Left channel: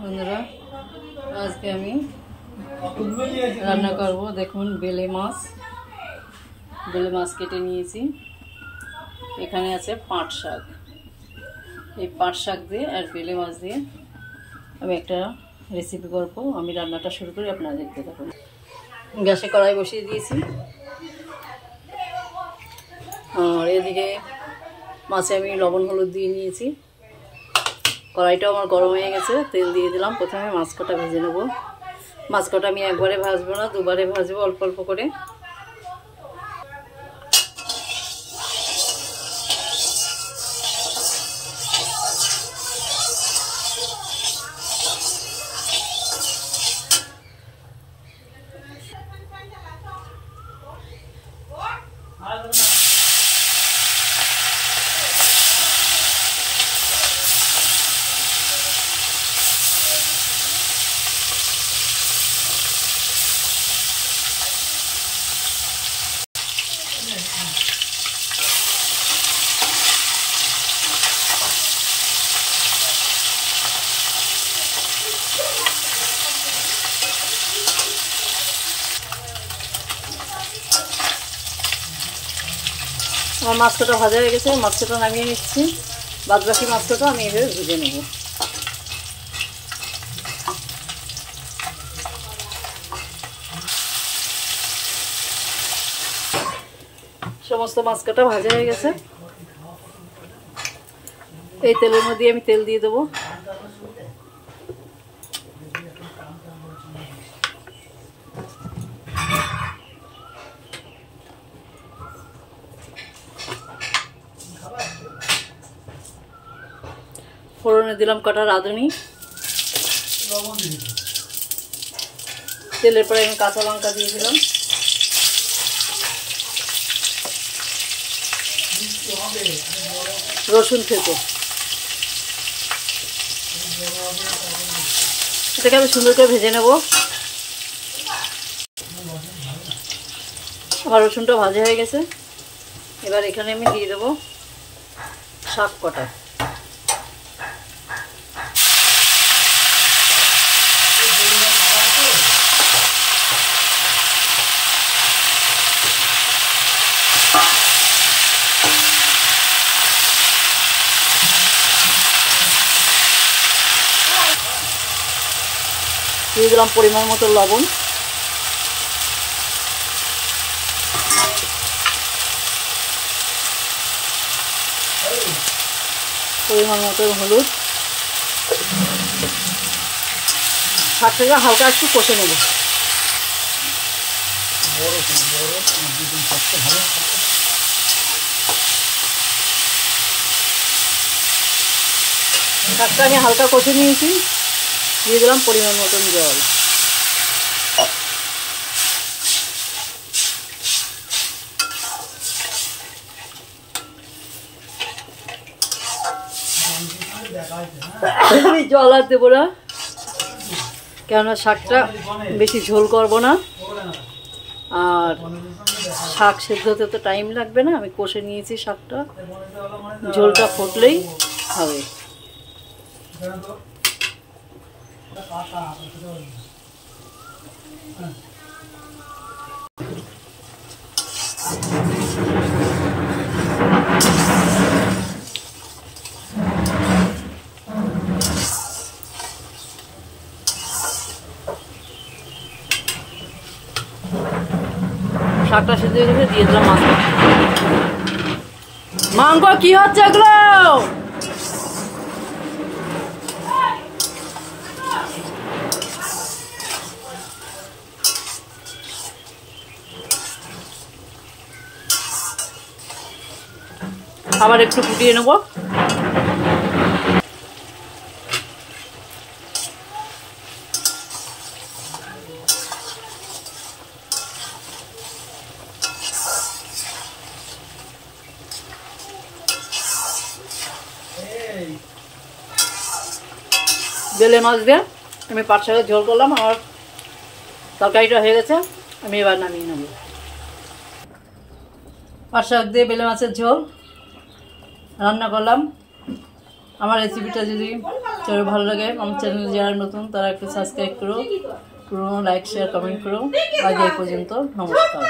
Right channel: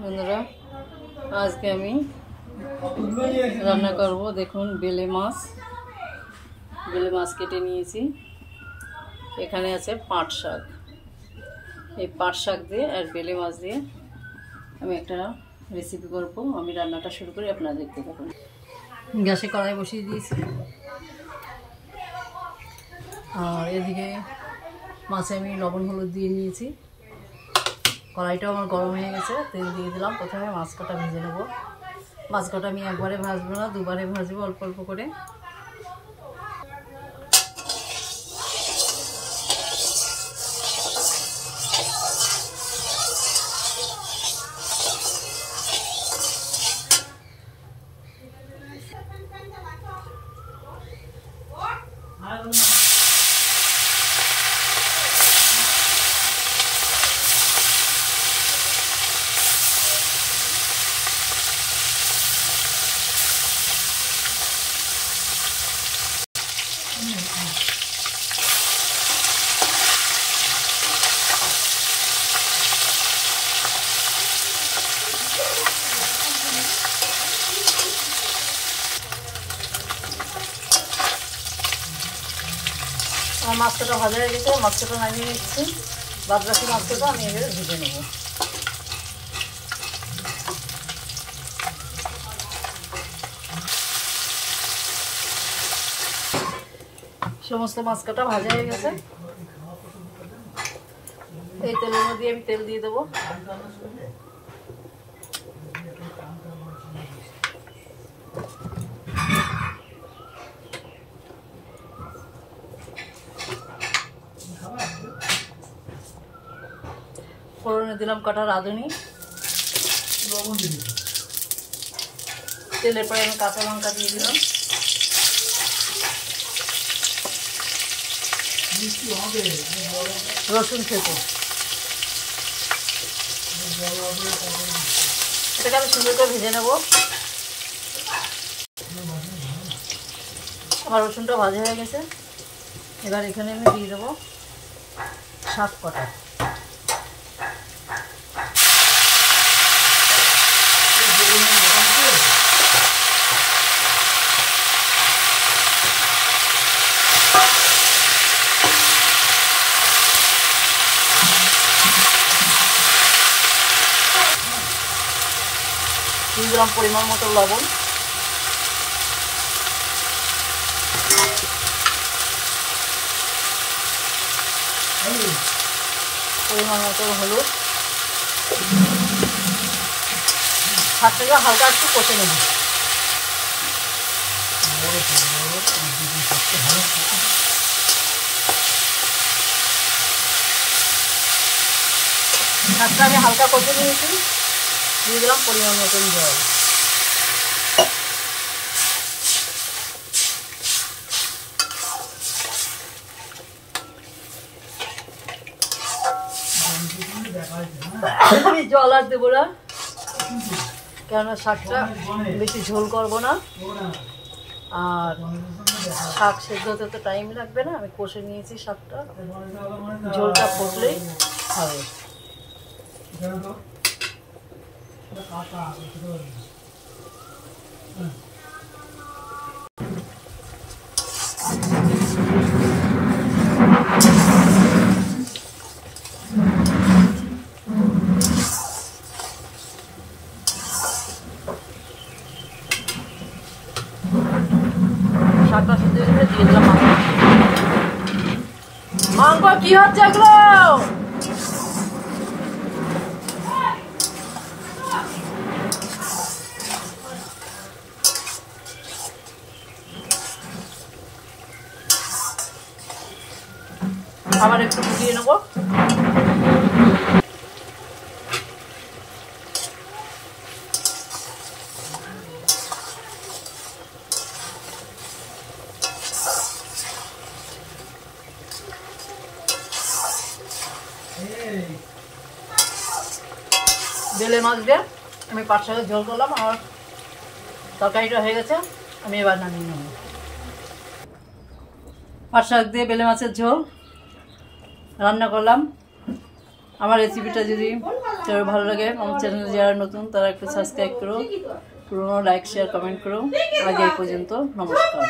বন্ধুরা, আজকে আমি রান্না করব। দেখুন, বেলে মাছ কেটে নিয়েছি। এখানে আছে পাট শাক। এই পাট শাক দিয়ে আর বেলে মাছ দিয়ে আমি একটা রেসিপি করব। আমি রান্নাটা শুরু করি, আপনারা দেখতে থাকুন। গ্যাসে কড়াই বসিয়ে দিয়েছি, আর এদিকে মাছে আমি লবণ হলুদ দিয়ে নিয়েছি। কড়াইটাও আমার গরম হয়ে গেছে, তেল দিয়ে দিলাম। প্রথমে মাছ কটা ভেজে নেব। মাছ কটা আমি একবারে ভাজবো না, দুবারে ভাজবো, অল্প অল্প করে। আমার মাছ কটা ভাজা হয়ে গেছে, মাছ কটা নামিয়ে নিচ্ছি। বাদ বাকি মাছ কটা আমি এভাবে ভেজে নেব। সমস্ত মাছ কটা ভাজা হয়ে গেছে। এই তেলের মধ্যে আমি তেল দিয়ে দেবো। ফোড়নে দিলাম কটা রাঁধুনি। তেলের পরে আমি কাঁচা লঙ্কা দিয়ে দিলাম। রসুন থেতো, এটাকে আমি সুন্দর করে ভেজে নেব। আমার রসুনটা ভাজা হয়ে গেছে। এবার এখানে আমি দিয়ে দেবো শাক কটা। দিয়ে দিলাম পরিমাণ মতো লবণ। পরিমাণ মতো হলুদ। শাকটাকে হালকা একটু কষে নেব। শাকটা আমি হালকা কষে নিয়েছি। দিয়ে দিলাম পরিমাণ মতো জল। আমি জল আর দেবো না, কেননা শাকটা বেশি ঝোল করবো না, আর শাক সেদ্ধ হতে তো টাইম লাগবে না। আমি কষে নিয়েছি শাকটা, ঝোলটা ফুটলেই হবে। শাকটা সেদ্ধ হয়ে গেছে, দিয়ে দিলাম মাছ। মাংস কি হচ্ছে এগুলো? আবার একটু ফুটিয়ে নেব। বেলে মাছ দিয়ে আমি পাট শাকের ঝোল করলাম। আমার তরকারিটা হয়ে গেছে, আমি এবার নামিয়ে নেব। পাট শাক দিয়ে বেলে মাছের ঝোল রান্না করলাম। আমার রেসিপিটা যদি কারো ভালো লাগে আমার চ্যানেলে যারা নতুন তারা একটু সাবস্ক্রাইব করো, পুরোনো লাইক শেয়ার কমেন্ট করো। আজ এই পর্যন্ত, নমস্কার।